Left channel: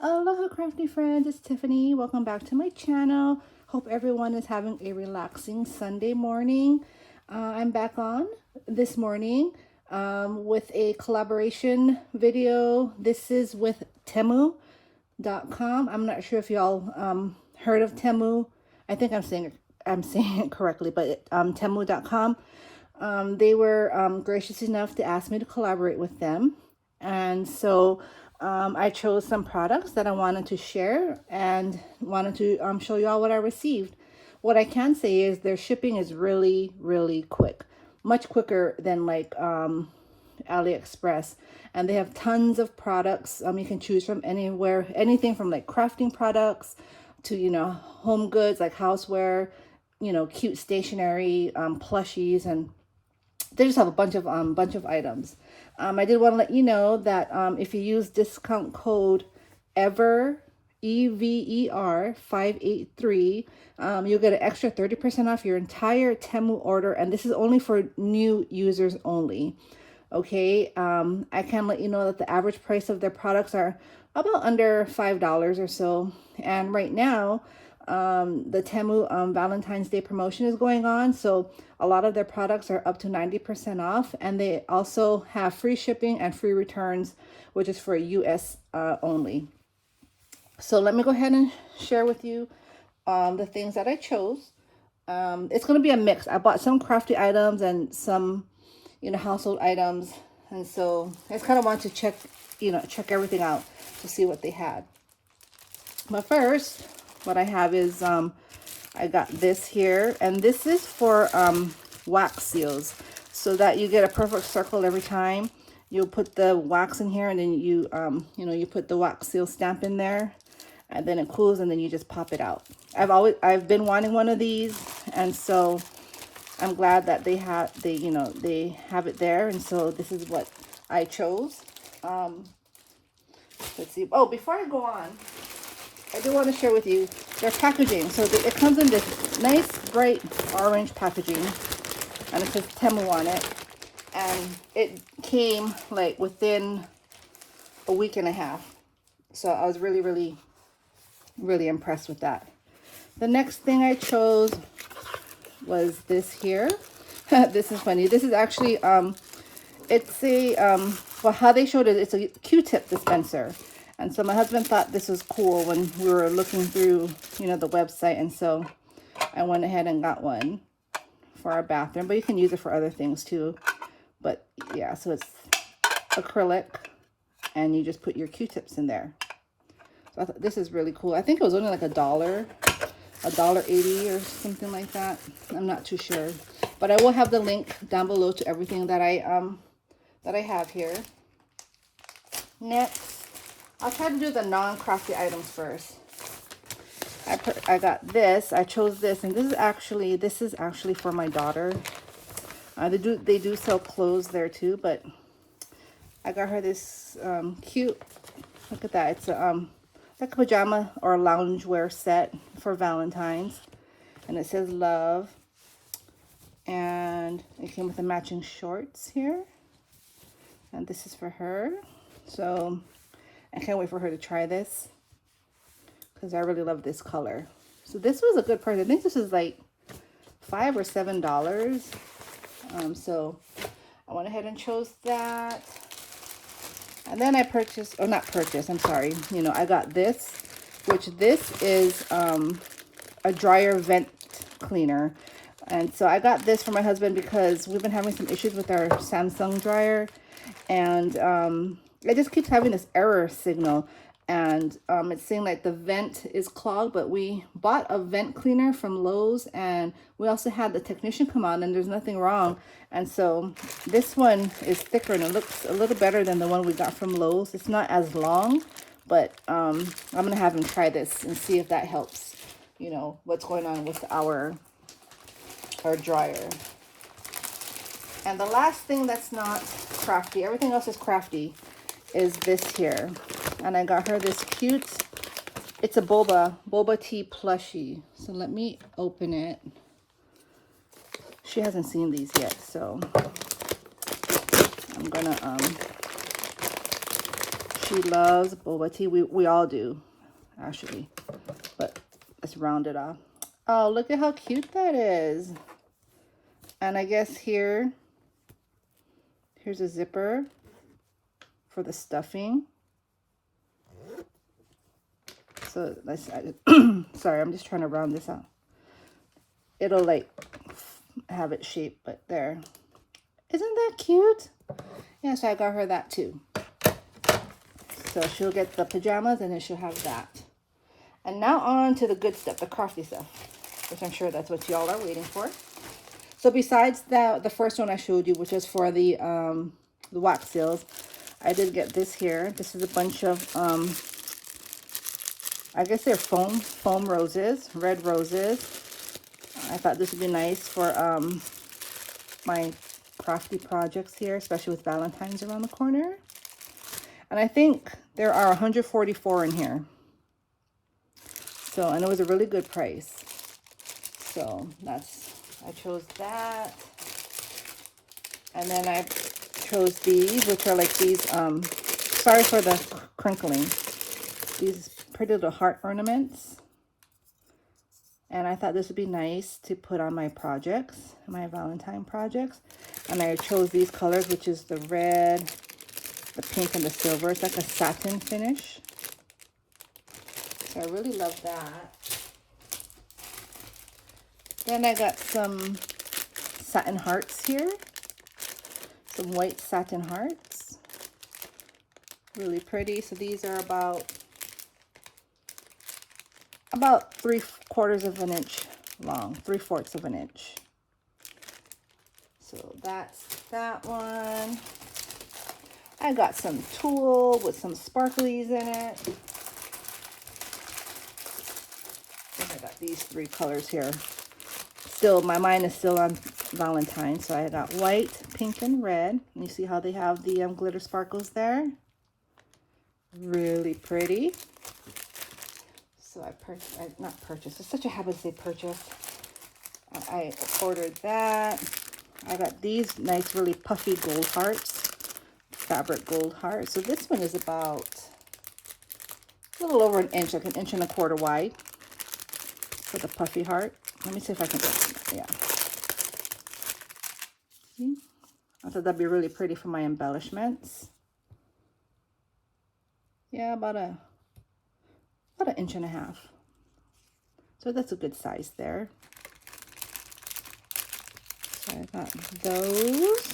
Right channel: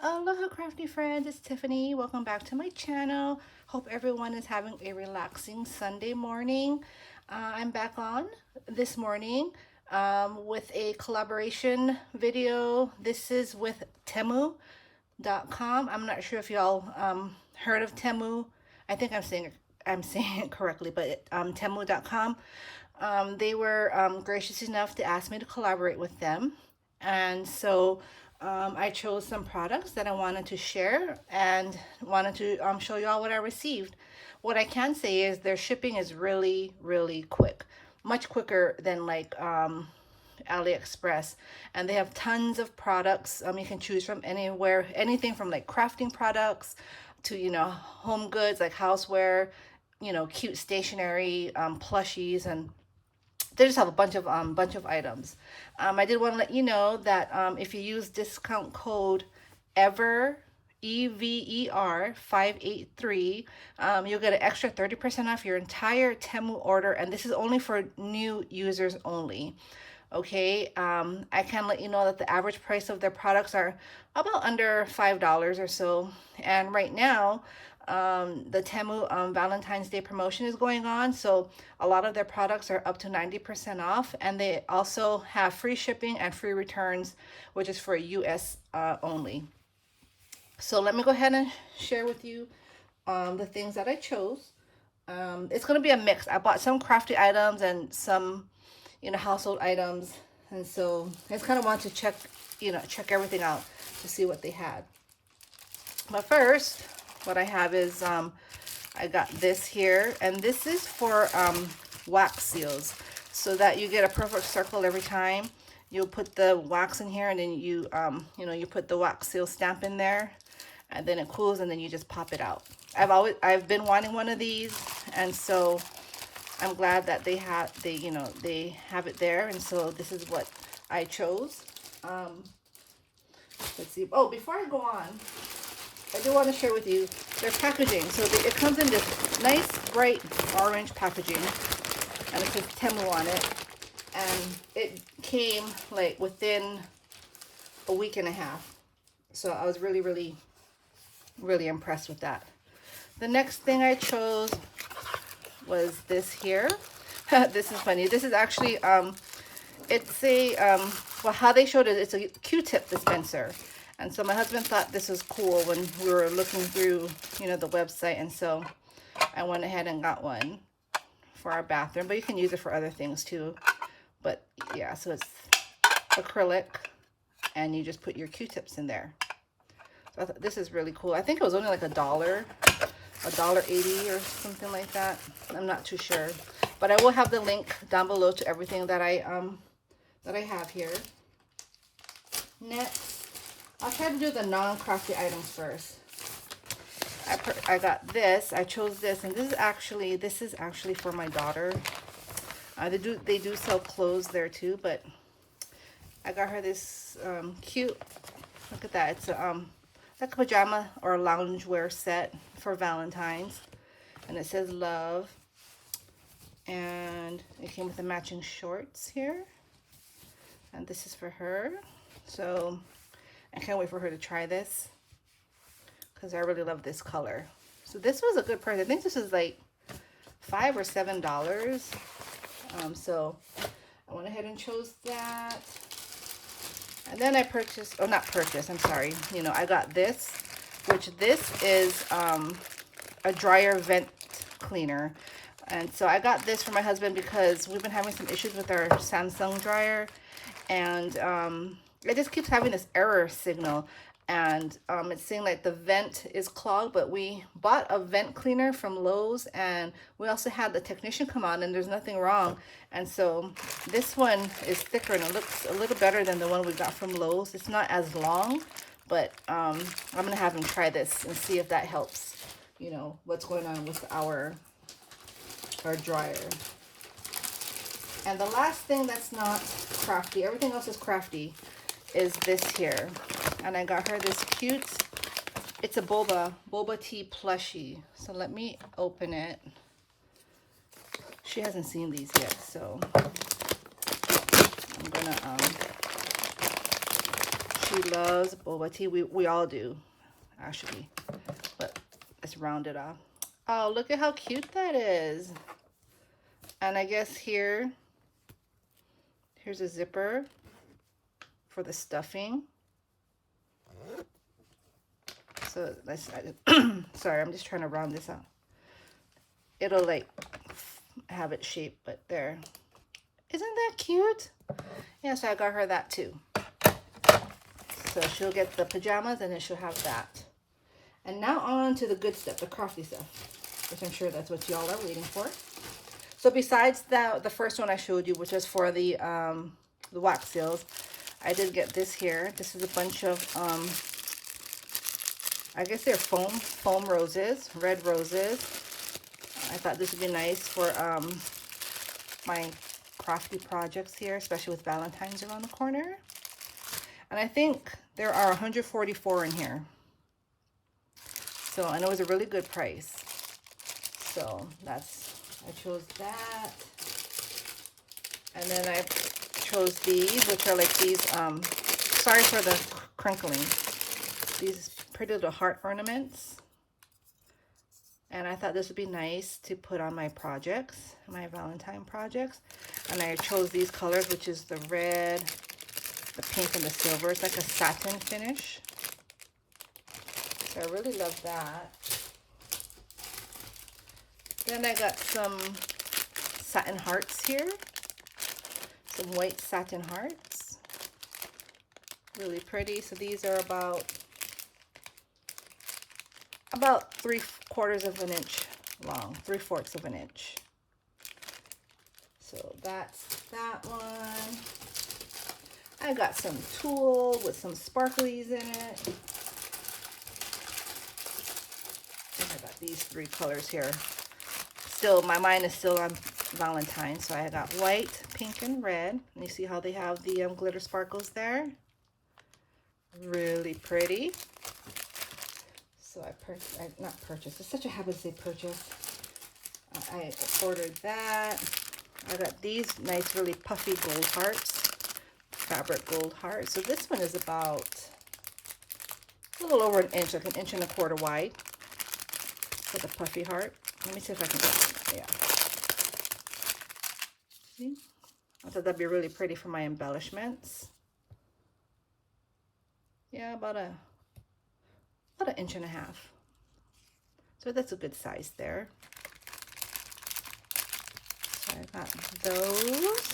Aloha crafty friends, it's Tiffany. Welcome back to my channel. Hope everyone is having a relaxing Sunday morning. I'm back on this morning with a collaboration video. This is with temu.com. I'm not sure if y'all heard of Temu. I think I'm saying it correctly, but temu.com. They were gracious enough to ask me to collaborate with them. And so I chose some products that I wanted to share and wanted to show you all what I received. What I can say is their shipping is really, really quick. Much quicker than like AliExpress. And they have tons of products. You can choose from anywhere, anything from like crafting products to, home goods like houseware, cute stationery, plushies, and they just have a bunch of items. I did want to let you know that if you use discount code EVER EVER 583, you'll get an extra 30% off your entire Temu order, and this is only for new users only. Okay, I can let you know that the average price of their products are about under $5 or so, and right now the Temu Valentine's Day promotion is going on, so a lot of their products are up to 90% off, and they also have free shipping and free returns, which is for US only. So let me go ahead and share with you the things that I chose. It's going to be a mix. I bought some crafty items and some, household items, and so I just kind of want to check everything out to see what they had. But first, what I have is I got this here, and this is for wax seals, so that you get a perfect circle every time. You'll put the wax in here, and then you you put the wax seal stamp in there, and then it cools, and then you just pop it out. I've been wanting one of these, and so I'm glad that they have it there, and so this is what I chose. Let's see. Oh, before I go on, I do want to share with you their packaging. So it comes in this nice bright orange packaging, and it says Temu on it, and it came like within a week and a half. So I was really, really, really impressed with that. The next thing I chose was this here. This is funny. This is actually it's a well, how they showed it, it's a Q-tip dispenser. And so my husband thought this was cool when we were looking through, the website. And so I went ahead and got one for our bathroom, but you can use it for other things too. But yeah, so it's acrylic, and you just put your Q-tips in there. So I thought this is really cool. I think it was only like $1.80 or something like that. I'm not too sure, but I will have the link down below to everything that I have here. Next, I'll try to do the non-crafty items first. I got this. I chose this, and this is actually for my daughter. They do sell clothes there too, but I got her this cute. Look at that! It's like a pajama or loungewear set for Valentine's, and it says love. And it came with the matching shorts here, and this is for her. So I can't wait for her to try this because I really love this color. So this was a good price. I think this was like $5 or $7. So I went ahead and chose that. And then I purchased, oh, not purchased, I'm sorry. I got this, which this is a dryer vent cleaner. And so I got this for my husband because we've been having some issues with our Samsung dryer. And it just keeps having this error signal, and it's saying like the vent is clogged. But we bought a vent cleaner from Lowe's, and we also had the technician come on, and there's nothing wrong. And so this one is thicker, and it looks a little better than the one we got from Lowe's. It's not as long, but I'm gonna have him try this and see if that helps, what's going on with our dryer. And the last thing that's not crafty, everything else is crafty, is this here. And I got her this cute, it's a Boba tea plushie. So let me open it. She hasn't seen these yet, so I'm gonna She loves boba tea. We all do, actually. But let's round it off. Oh, look at how cute that is. And I guess here's a zipper for the stuffing. So let's, sorry, I'm just trying to round this out. It'll like have it shaped, but there. Isn't that cute? Yeah, so I got her that too. So she'll get the pajamas and then she'll have that. And now on to the good stuff, the crafty stuff, which I'm sure that's what y'all are waiting for. So besides the first one I showed you, which is for the wax seals, I did get this here. This is a bunch of, I guess they're foam roses, red roses. I thought this would be nice for my crafty projects here, especially with Valentine's around the corner. And I think there are 144 in here. So, and it was a really good price. So I chose that. And then I chose these, which are like these, sorry for the crinkling. These pretty little heart ornaments. And I thought this would be nice to put on my projects, my Valentine projects. And I chose these colors, which is the red, the pink, and the silver. It's like a satin finish. So I really love that. Then I got some satin hearts here. Some white satin hearts. Really pretty. So these are about 3/4 of an inch long, 3/4 of an inch. So that's that one. I got some tulle with some sparklies in it. And I got these 3 colors here. Still, my mind is still on Valentine. So I got white, pink, and red. And you see how they have the glitter sparkles there? Really pretty. So not purchased. It's such a habit to say purchase. I ordered that. I got these nice, really puffy gold hearts. Fabric gold hearts. So this one is about a little over an inch, like 1.25 inches wide. For the puffy heart. Let me see if I can, yeah. See? I thought that'd be really pretty for my embellishments. Yeah, about 1.5 inches. So that's a good size there. So I got those,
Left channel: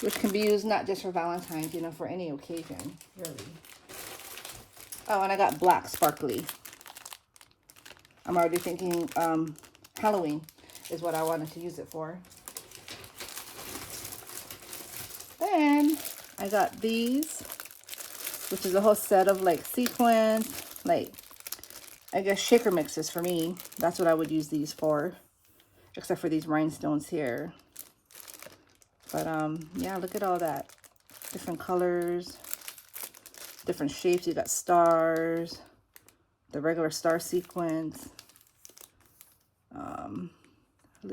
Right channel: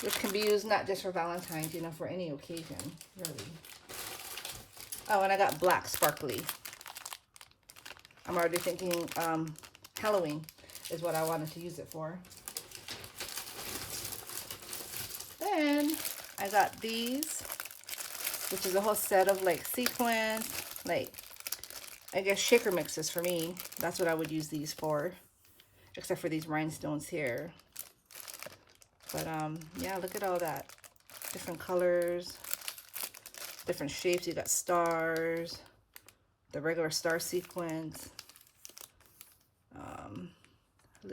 which can be used not just for Valentine's, you know, for any occasion, really. Oh, and I got black sparkly. I'm already thinking Halloween is what I wanted to use it for. Then I got these, which is a whole set of like sequins, like I guess shaker mixes for me. That's what I would use these for, except for these rhinestones here. But yeah, look at all that. Different colors, different shapes. You got stars, the regular star sequins,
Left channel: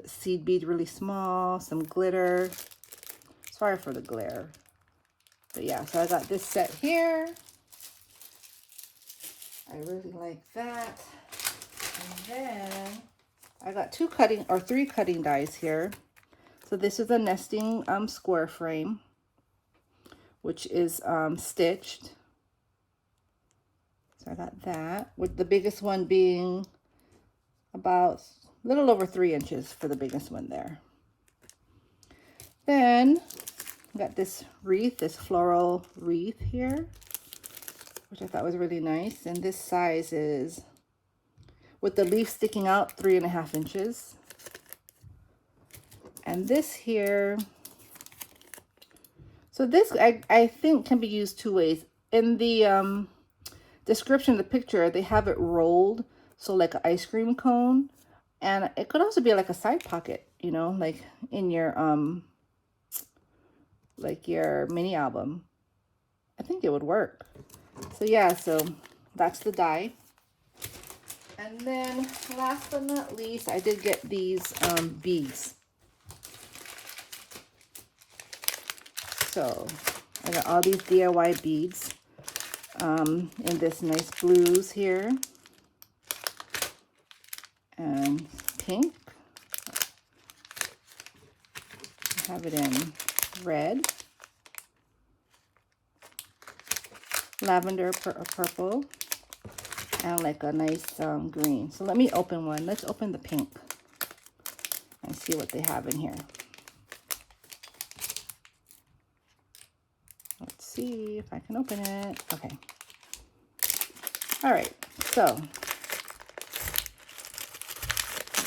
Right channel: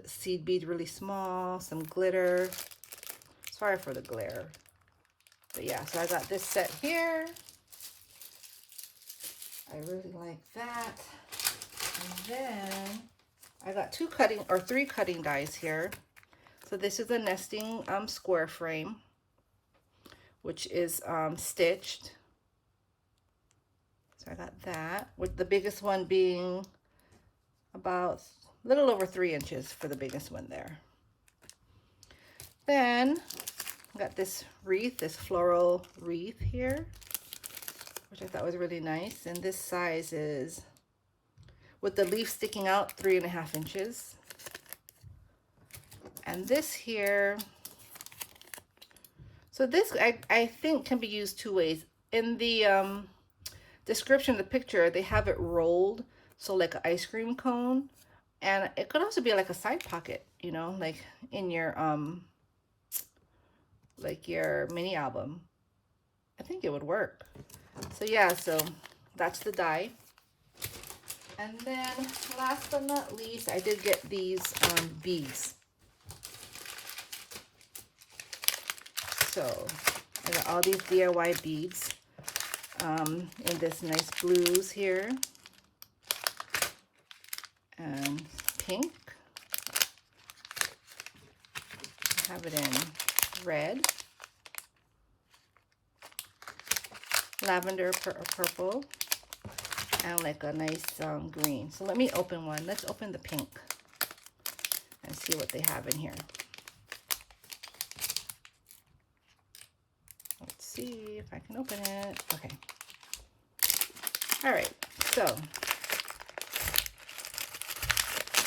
seed bead really small, some glitter. Sorry for the glare. But yeah, so I got this set here. I really like that. And then I got 3 cutting dies here. So this is a nesting square frame, which is stitched. So I got that, with the biggest one being about a little over 3 inches for the biggest one there. Then I got this wreath, this floral wreath here, which I thought was really nice. And this size is, with the leaf sticking out, 3.5 inches. And this here, so this I think can be used 2 ways. In the description of the picture, they have it rolled, so like an ice cream cone, and it could also be like a side pocket, you know, like in your mini album. I think it would work. So yeah, so that's the die. And then last but not least, I did get these beads. So I I got all these DIY beads in this nice blues here. And pink. I have it in red. Lavender or purple. And like a nice green. So let me open one. Let's open the pink and see what they have in here. Let's see if I can open it. Okay. All right. So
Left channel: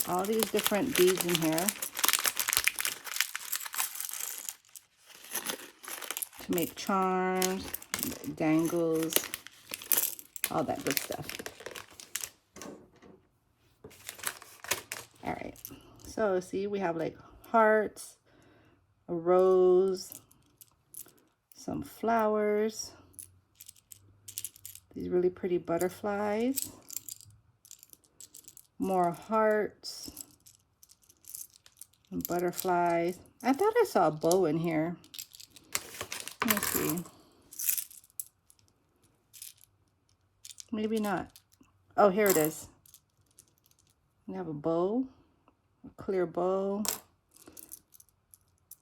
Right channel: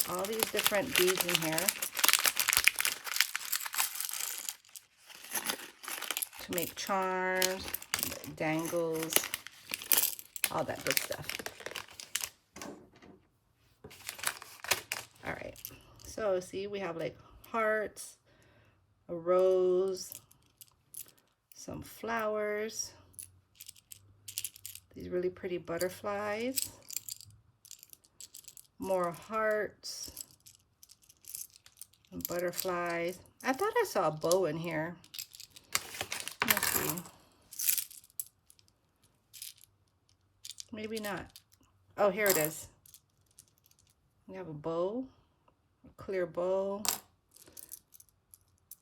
all these different beads in here to make charms, dangles, all that good stuff. All right, so see, we have like hearts, a rose, some flowers, these really pretty butterflies, more hearts and butterflies. I thought I saw a bow in here. Let me see. Maybe not. Oh, here it is. We have a bow, a clear bow,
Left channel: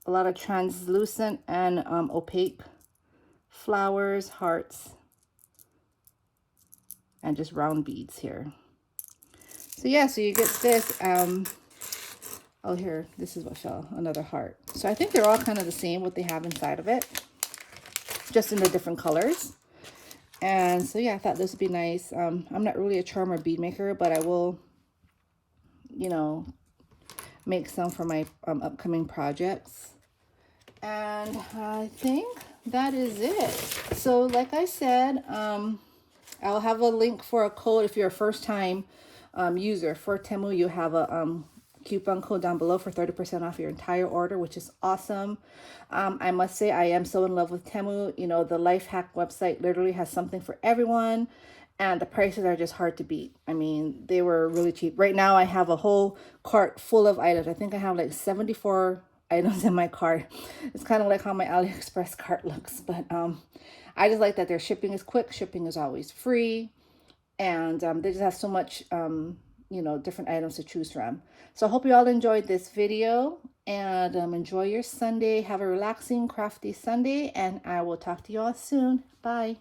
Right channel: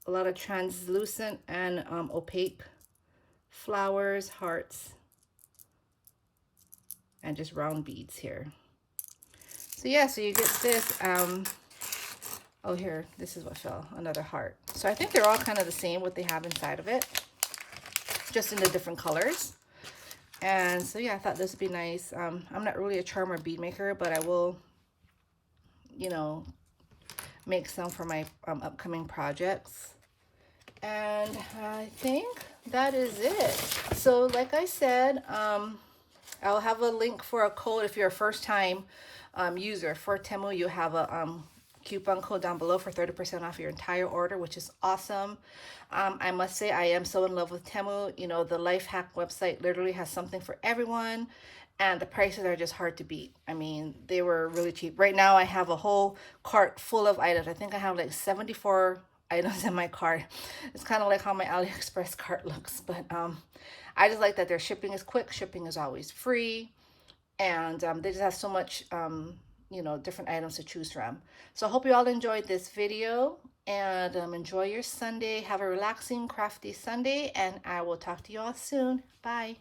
a lot of translucent and opaque flowers, hearts, and just round beads here. So yeah, so you get this. Oh, here, this is what fell, another heart. So I think they're all kind of the same, what they have inside of it, just in the different colors. And so yeah, I thought this would be nice. I'm not really a charm or bead maker, but I will, you know, make some for my upcoming projects. And I think that is it. So like I said, I'll have a link for a code if you're a first time user for Temu. You have a coupon code down below for 30% off your entire order, which is awesome. I must say I am so in love with Temu. You know, the life hack website literally has something for everyone, and the prices are just hard to beat. I mean, they were really cheap. Right now I have a whole cart full of items. I think I have like 74 items in my cart. It's kind of like how my AliExpress cart looks, but I just like that their shipping is quick. Shipping is always free, and they just have so much you know, different items to choose from. So I hope you all enjoyed this video, and enjoy your Sunday. Have a relaxing, crafty Sunday, and I will talk to you all soon. Bye.